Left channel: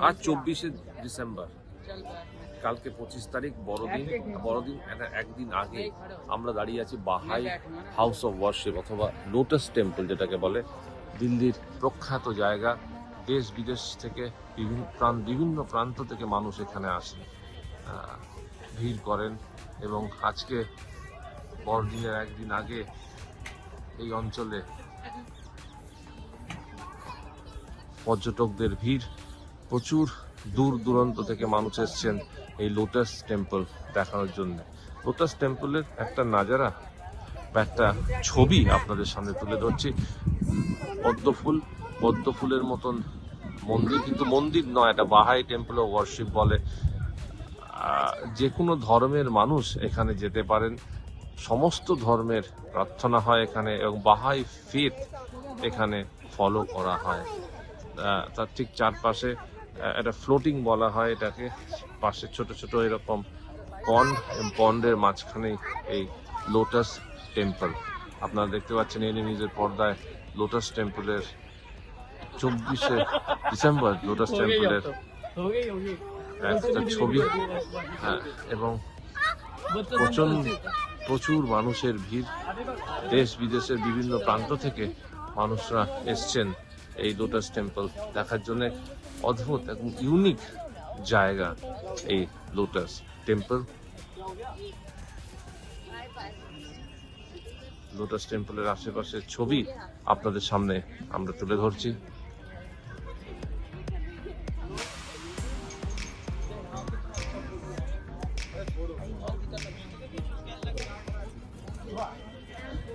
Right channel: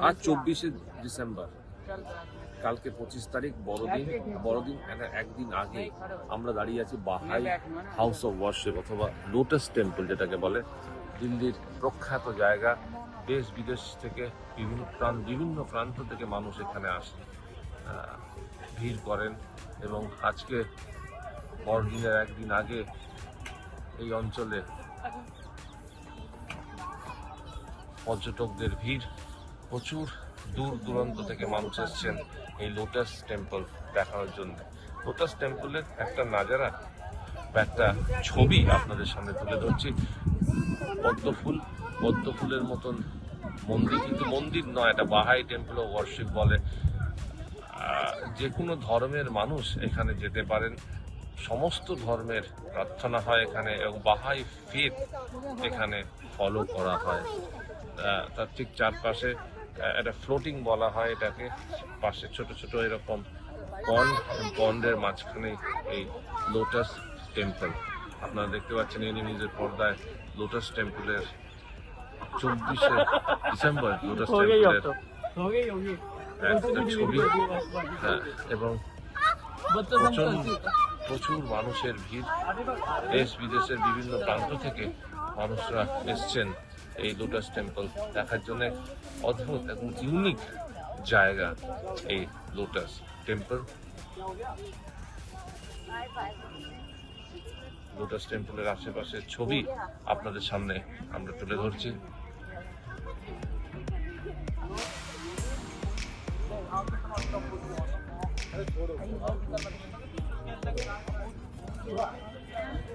আজ চব্বিশে ডিসেম্বর। কালকে পঁচিশ তারিখ বড়দিন। বড়দিন একদিন আগে আমরা দাঁড়িয়ে আছি বাহাই হাউস অফ ওয়ার্শিপ অথবা লোটাস টেম্পল যেটাকে বলে। দিল্লির প্রখ্যাত জায়গা। দেশ বিদেশ থেকে বিভিন্ন প্রান্ত বিভিন্ন প্রান্ত থেকে মানুষ এখানে আসেন আহ, ভিড় করেন এবং আজকে বড়দিনের একদিন আগে এই অঞ্চলে পর্যটকদের ভিড় প্রচুর দূর দূরান্ত থেকে মানুষ এসছেন এই লোটাস টেম্পল দেখানোর জন্য। লোটাস টেম্পলের একটা নাজারা একটা ছবি আপনাদের সামনে তুলে ধরছি। পদ্ম ফুল, পদ্ম ফুলের মতন মন্দির, কিন্তু মন্দির নয়, এটা বাহাই টেম্পল ওয়ার্শিপ বলে। যে কোনো ধর্মের মানুষ এখানে যেতে পারেন। সমস্ত ধর্মের প্রার্থনা হয় এখানে এবং বাহাই ফেথ এখানে ফলো করা হয়। তার ঠিক চারপাশে একটা ফ্লোটিং বলা হয় এটাকে। পাশে ছোট ছোট এরকম পন্ড পন্ডের মাঝখানেই এই লোটাস টেম্পল আপনারা দেখতে পাচ্ছেন এনে নিজের পর্দায় লোটাস টেম্পলের চব্বিশে ডিসেম্বর লোটাস টেম্পলের একটা ছবি। হ্যাঁ এবং প্রচণ্ড প্রচুর মানুষের ভিড়। দেশ বিদেশের বিভিন্ন প্রান্ত থেকে মানুষরা এসছেন। এই লোটাস টেম্পল দেখার জন্য অদ্ভুত এবং ইউনিক জায়গা এই লোটাস টেম্পল। লোটাস টেম্পলের আশেপাশের ছবি আপনাদের সামনে আমরা তুলে ধরছি।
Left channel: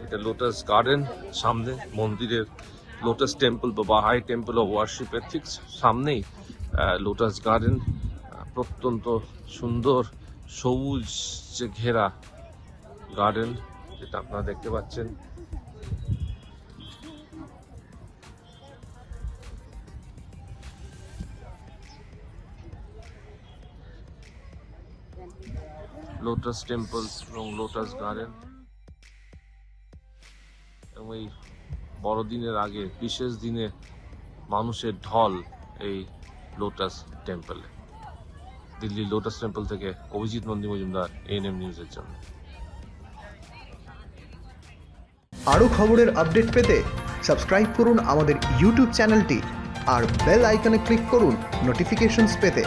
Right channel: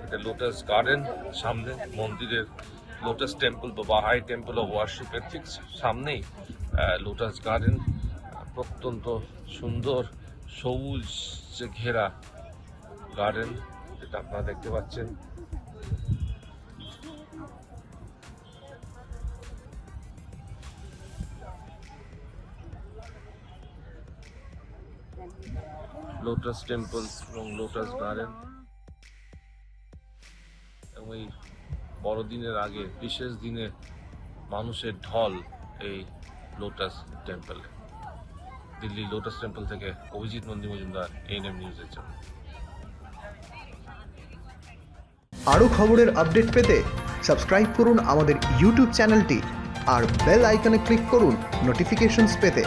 এটা লোটাস গার্ডেন, সামনে মন্দিরের লোটাস টেম্পল বা বাহাই টেম্পল অফ ওয়ার্শিপের ঠিক সামনেই লোটাস গার্ডেন প্রত্যন্ত সুন্দর সবুজ যে ঘেরা গার্ডেন যেটা আপনারা দেখতে পাচ্ছেন। লোটাস টেম্পলস এবং লোটাস গার্ডেন এবং এই বড়দিনের আগে, বিশেষ দিনে মানুষের ঢল এই লোটাস টেম্পলে দিল্লি লোটাস টেম্পল থেকে অভিজিৎ নন্দী মজুমদার এএনএম নিউজের জন্য। আরও খবরের আপডেট পেতে সাবস্ক্রাইব করুন আমাদের ইউটিউব চ্যানেলটি আর বেল আইকনে ক্লিক করুন নোটিফিকেশনস পেতে।